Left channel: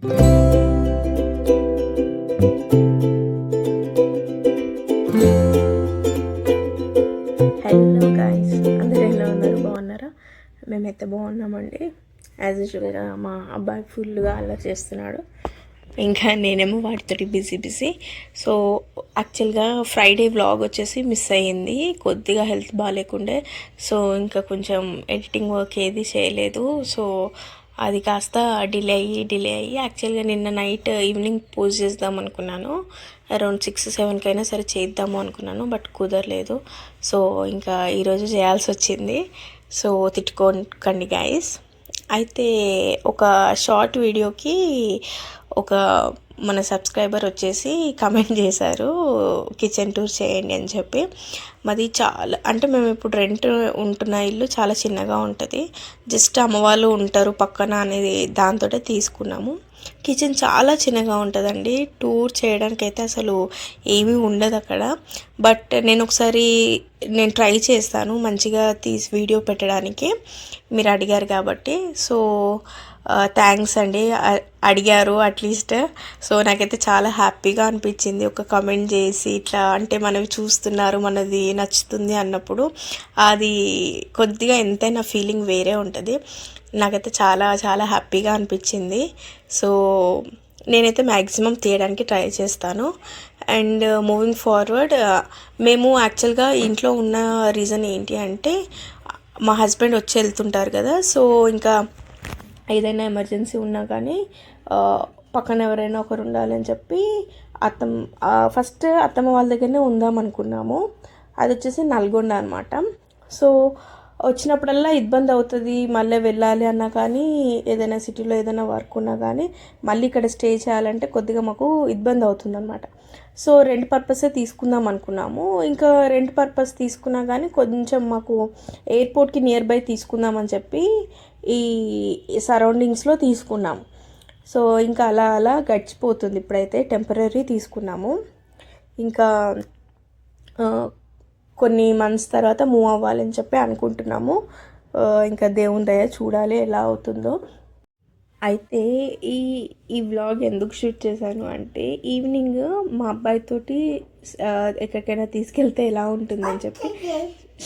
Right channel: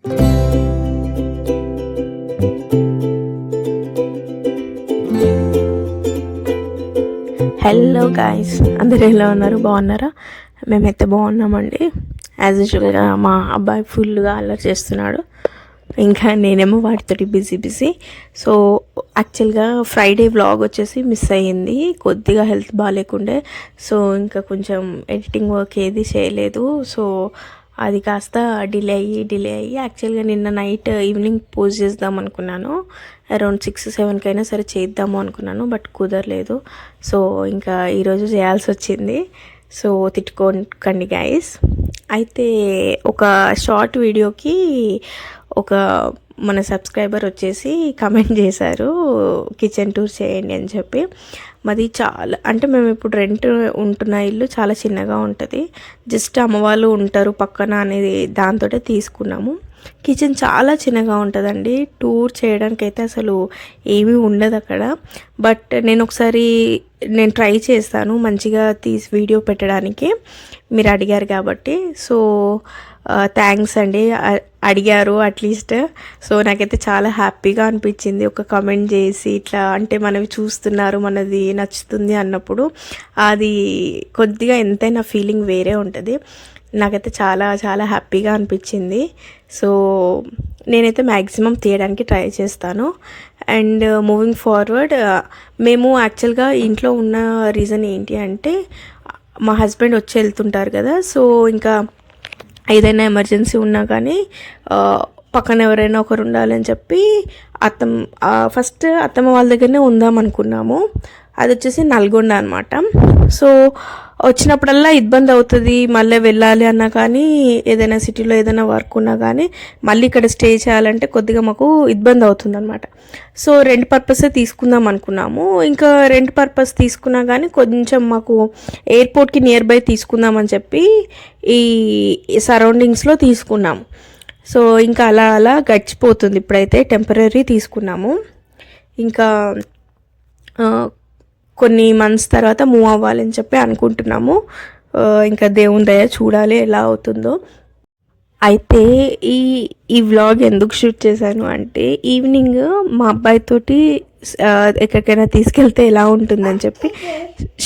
Hello guys, అందరూ ఎలా ఉన్నారు? బాగున్నారా? మేమైతే బాగున్నామండి. యాజ్ యూజువల్గా మా అబ్బాయి ఫుల్గా అల్లరి చేస్తున్నాడు, ఇంకా నేనేమో వాటితోటి బిజీ. సో యాక్చువల్గా ఫ్రైడే వ్లాగ్ వచ్చేసి మిస్ అయ్యింది, కొద్దిగా హెల్త్ బాగాలేకుండే. సో ఇంకా కొంచెం ఎడిటింగ్ వర్క్ ఏది చేయలేదు. సో అది కాస్త డిలే అయ్యి యాక్చువల్గా నిన్న నైట్ ఈవినింగ్ పోస్ట్ చేద్దాం అనుకున్నాను, అరౌండ్ 6-7 అయినా సరే చేద్దాము అనుకున్నాను, బట్ కుదరలేదు. సో ఇంకా ఈరోజు చేయాల్సి వచ్చింది. సో తిట్టుకోకండి గైస్. అయితే ఒక షార్ట్ వీడియోకి ఒక మన సబ్స్క్రైబర్ వచ్చేసి కమెంట్ చేశారు, కిచెన్ టూర్ చేయండి అని చెప్పి. మాది చాలా అంటే మేము ఇప్పుడు రెంట్ ఉంటున్న ఇల్లు చాలా చిన్నగా ఉంటుంది, జస్ట్ అమ్మ వాళ్ళు ఉంటారు పక్కన అనేది దాంతో తీసుకున్నాము. కిచెన్ చాలా చిన్నగా ఉంటుందండి, టూర్ చేయడానికి అయితే అసలు ఏమీ ఉండదు అక్కడ. బట్ నేను ఒకసారి ట్రై చేస్తాను మంచిగా వీడియో పెట్టడానికి, మీరు అడిగారు కాబట్టి. సో థ్యాంక్స్ అండి, అడిగారు అట్లీస్ట్. సో నాకైతే చాలా హ్యాపీగా అనిపించింది, ఒక కమెంట్ చేసి ఇట్లా అంటే మనవి చూస్తున్నారు, మనది నచ్చుతుంది అన్నప్పుడు అది కొద్దిగా ఎంతైనా ఫీలింగ్ వేరే ఉంటుంది. నాకైతే చాలా చాలా హ్యాపీగా అనిపించింది. సో నేనైతే మ్యాక్సిమం తీయడానికి ట్రై చేస్తాను. అండ్ మూవింగ్ ఫార్వర్డ్, మేము యాక్చువల్గా ఇంట్లో ఉన్న రీజన్ ఏంటి అంటే మా హస్బెండ్ వచ్చి వెళ్తుంటారు కదా. సో ఇంకా ఏదైనా ఎమర్జెన్సీ ఉన్నా కానీ పక్కన ఎవరైనా ఒకరు ఉండాలని చెప్పి ఫస్ట్ అత్తమ్మ వాళ్ళ దగ్గరనే ఉందాం అనుకున్నాము. అది వచ్చేసి నల్గొండ అనమాట. సో వచ్చినప్పుడల్లా ఇబ్బంది అవుతుంది, మళ్ళీ వెళ్ళాలి అన్నా కానీ ఏదైనా సిటీలో ఏదైనా వర్క్ ఉన్నా కానీ మళ్ళీ ఇక్కడ స్టే చేయాలంటే కొద్దిగా మాకు ఇబ్బంది అవుతుంది అనమాట. సో రెంట్ పర్పసే తీసుకుందాం అనుకున్నాము. ఇంకా రెంట్ పర్పస్ తీసుకున్నా కానీ కొంచెం మాకు ఎయిర్పోర్ట్కి నియర్ బై తీసుకుందామని చెప్పి ఈ సరౌండింగ్స్లో తీసుకున్నాము. సో ఇంకా అలా గడిచిపోతుంది. ఇప్పుడైతే టెంపరీ తీసుకున్నాము, ఇంకా కొన్ని మంత్స్ తర్వాత మూవ్ అవ్వాలని చెప్పి అనుకుంటున్నాము. ఇంకా దేవుని దయ, చూడాలి ఎలా అవుతుందో. అయితే ఈ వ్లాగ్ ఎందుకు షూట్ చేశాను అంటే ఈవినింగ్ మా అబ్బాయితోటి ఎక్కడికైనా తీసుకెళ్తే ఎలా ఉంటుందని చెప్పి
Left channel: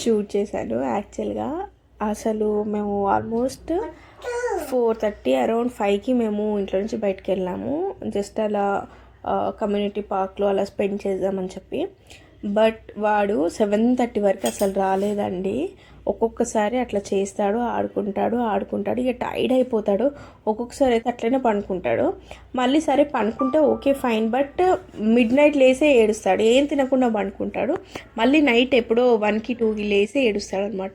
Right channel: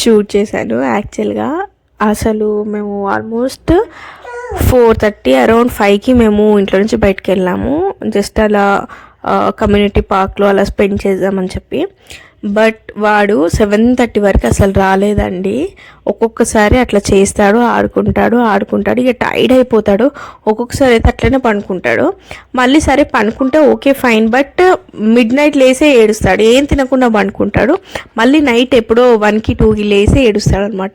షూట్ చేశాను. యాక్చువల్గా అసలు మేము ఆల్మోస్ట్ 4:30 అరౌండ్ 5కి మేము ఇంట్లో నుంచి బయటకు వెళ్ళాము, జస్ట్ అలా కమ్యూనిటీ పార్క్లో అలా స్పెండ్ చేద్దామని చెప్పి. బట్ వాడు 7:30 వరకు అసలు రాలేదండి. ఒక్కొక్కసారి అట్లా చేస్తాడు, ఆడుకుంటాడు, ఇక టైర్డ్ అయిపోతాడు. ఒక్కొక్కసారి అయితే అట్లనే పడుకుంటాడు. మళ్ళీ సరే పనుకుంటే okay fine, but midnight లేసే ఏడుస్తాడు, ఏం తినకుండా పడుకుంటాడు. మళ్ళీ నైట్ ఎప్పుడో 1కి 2కి లేసే ఏడుస్తాడు అనమాట.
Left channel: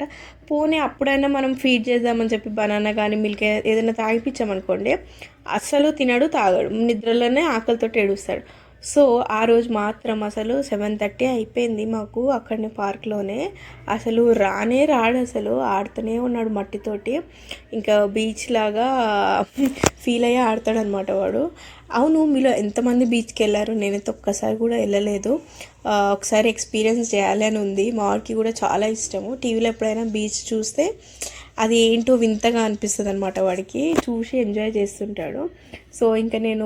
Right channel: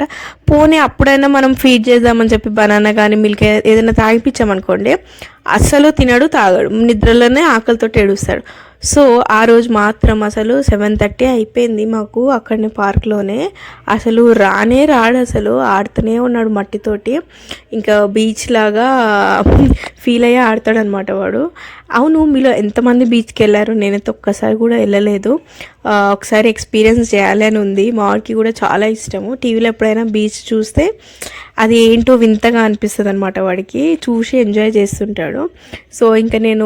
పోనీ అప్పుడైనా మనం ఫీడ్ చేద్దామని చెప్పి బనానా కానీ మిల్క్ ఏదైనా తాగిపించామనుకోండి, అస్సలు తినడు, తాగడు, నిద్రలోనే ఆకలితో ఏడుస్తాడు. సో ఆ రోజు మాత్రం అసలు 7:30 అయిపోయింది మాకు అక్కడనే పార్క్లోనే. అసలు రాడు, అసలు ఆడుతూనే ఉన్నాడు మట్టితోటి. ఇంకా బీచ్ లాగా ఫీల్ అయ్యి ఆడతాడు అనమాట వాడు. అవును, మీలో ఎంతమంది బీచ్కి వెళ్ళారు? నేనైతే ఒక్కసారి కూడా వెళ్ళలేదు. ఒకసారి ఎక్స్పీరియన్స్ చేయాలి అని ఉంది. మా వాడికి కూడా చాలా ఇష్టము. టీవీలో ఎప్పుడైనా బీచ్ చూస్తే అది ఏంటో వింతగా అనిపిస్తుంది అనమాట, వాడికి చూసి ఎంజాయ్ చేస్తుంటాడు. సో ఇంకా నేను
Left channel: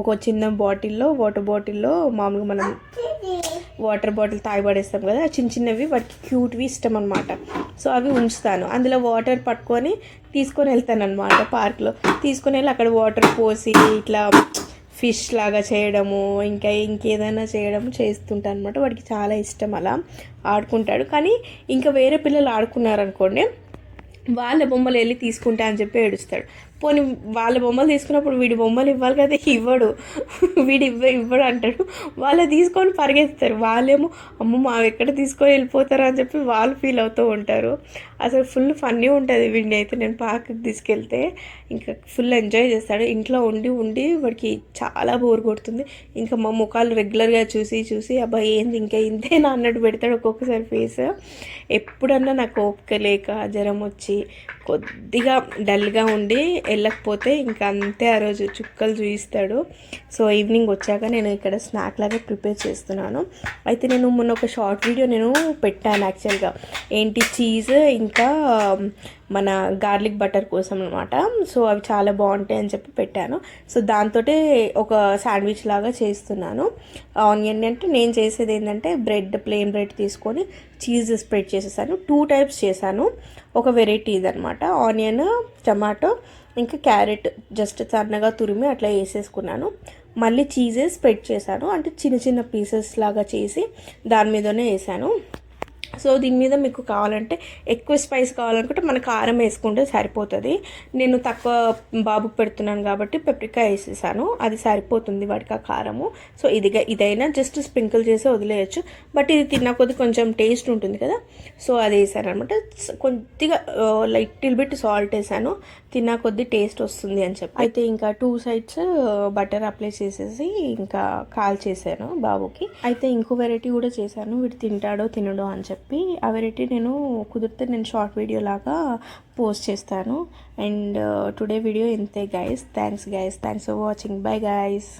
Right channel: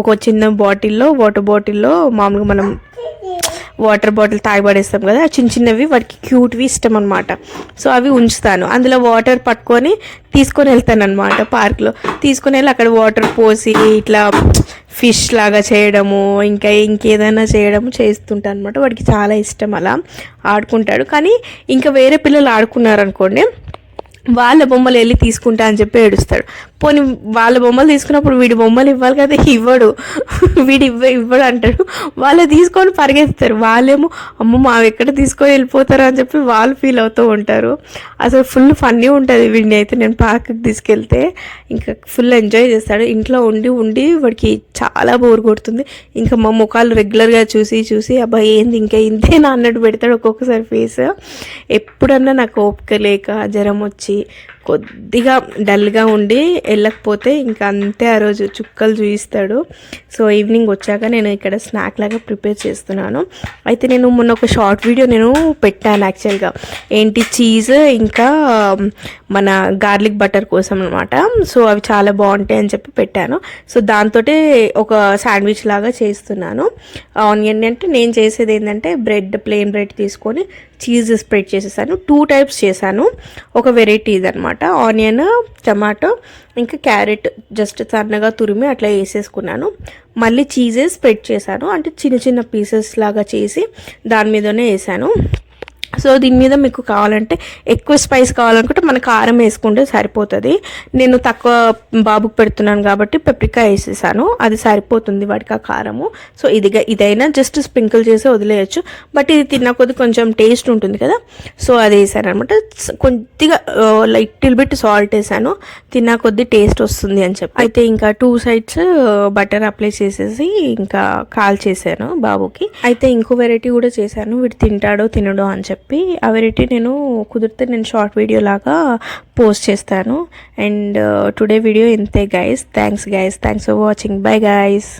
ఒక చిన్న వాటర్ బాటిల్లో మామూలుగా మనం వాటర్ బాటిల్ తాగిపడేస్తాం కదా, చిన్నవి వాడికి క్యూట్వి ఇష్టం అనమాట. సో అవి ఉంచుతాను, అందులో వాటర్ పట్టుకొని తీసుకొని వెళ్తాను అనమాట. పార్క్లో తీసుకొని వెళ్ళి అక్కడ వాటర్ పోసి ఇట్లా ఫిష్ లాగా చేయడము, ఇంకేదైనా చేయడము చేస్తుంటాను అనమాట. వాడికి చాలా ఇష్టం, అలా ఆడుకుంటాడు. కానీ ఇంకా వేరే పిల్లలు ఆడుకున్నారనుకోండి, వాళ్ళ బొమ్మలు వెళ్ళి తీసుకుంటా అని చెప్పి ఏడుస్తాడు. పోనీ వాళ్ళ బొమ్మలు తీసుకున్నప్పుడు వీడి బొమ్మలు ఇవ్వాలి కదా, ఇవ్వడు అంటాడు. వాళ్ళు తీసుకొని పరిగెత్తారు. వాళ్ళేమో అమ్మ మావి ఎక్కడ తీసుకొని వెళ్ళిపోతారు అని చెప్పి వాళ్ళు ఫీల్ అవుతూ ఉంటారు. అసలు ఫుల్ ఫన్నీ ఉంటుంది. వీడిని అయితే నేను పార్క్కి తీసుకెళ్తే ఇంకా ఫుల్ ఎంజాయ్ చేస్తాడు. ఇంట్లో ఉండి వాడికి చాలా బోర్ కొడుతుంది. ఇంకా మా ముఖాలు రెగ్యులర్గా చూసి అబ్బాయి ఏంది ఇంకా ఇంతేనా అన్నట్టు పెడతాడు ఒక్కొక్కసారి ఫేస్. ఎప్పుడన్నా నాకు ఓపిక లేక జ్వరం వచ్చి కొద్దిగా డల్గా ఉండి వెళ్ళకపోతే ఇంకా అంతే ఆ రోజు చుక్కలు చూపిస్తాడు. సో ఈవినింగ్ వచ్చాక నేను ఇక్కడ స్నాక్ లాగా ప్రిపేర్ చేస్తున్నాను. అయితే నేను మొన్న ఒక షార్ట్ వీడియో నేను పెట్టాను యాక్చువల్గా, ఏంటి చీజ్ ఇంకా మన గార్లిక్ బటర్ కోసం అనమాట. సో అవి చాలా బాగుంటాయి అని చెప్పి పెట్టాను. సో దాంతో ఒక శాండ్విచ్ లాగా చేస్తున్నాను. ఆనియన్ అంటే నేను చేసేది ఏంటంటే ప్లెయిన్ బ్రెడ్ తీసుకొని చీజ్ స్ప్రెడ్ చేసేసాను. 2 టైప్స్ చేశాను. ఒక వెరైటీ ఇదనమాట, ఆనియన్, టమాటో ఇంకా క్యారెట్ జస్ట్ సన్నగా తురిమి అట్లా వేసేసుకున్నాను. మళ్ళీ చీజే స్ప్రెడ్ చేశాను, అంటే చిన్న చిన్న పీసెస్ లాగా చేసి దాని మీదనే వేసాను. సో దీని మీద మీకు కావాలంటే ఎక్కువ స్పైస్ కావాలనుకుంటే మన కారం వేసుకుంటే సరిపోతుంది. నేను తక్కువ బాబుకు పెడుతున్నాను కాబట్టి పెప్రికా వేసేసాను, అది సరిపోతుంది వాడికి ఆ కారము. సో ఇదైనా జస్ట్ స్ప్రింకిల్ చేసి వదిలేయచ్చు, బట్ ఇది తిన్న కొద్ది కొంచెం టేస్ట్ ఉంటుంది కదా, సో అది వేసాను అనమాట. కొద్దిగా లిటిల్ బిట్ సాల్ట్ వేసాను, తిన్న కొద్ది టేస్ట్ వస్తుంది అని చెప్పి. అయితే ఇంకా 2 సైడ్స్ బటర్ అప్లై చేసేసి ఇంకా కాల్ చేశాను బాబుకి. అయితే ఇంకో వెరైటీ కూడా చేశాను, వీడు తింటాడో తినడో అని చెప్పి. ఆ వెరైటీ నేను కుదిరితే నేను షార్ట్ వీడియో లాగా పోస్ట్ చేస్తాను. అండ్ టుడే వీడియో ఇంతే guys. Thanks for watching. Bye guys.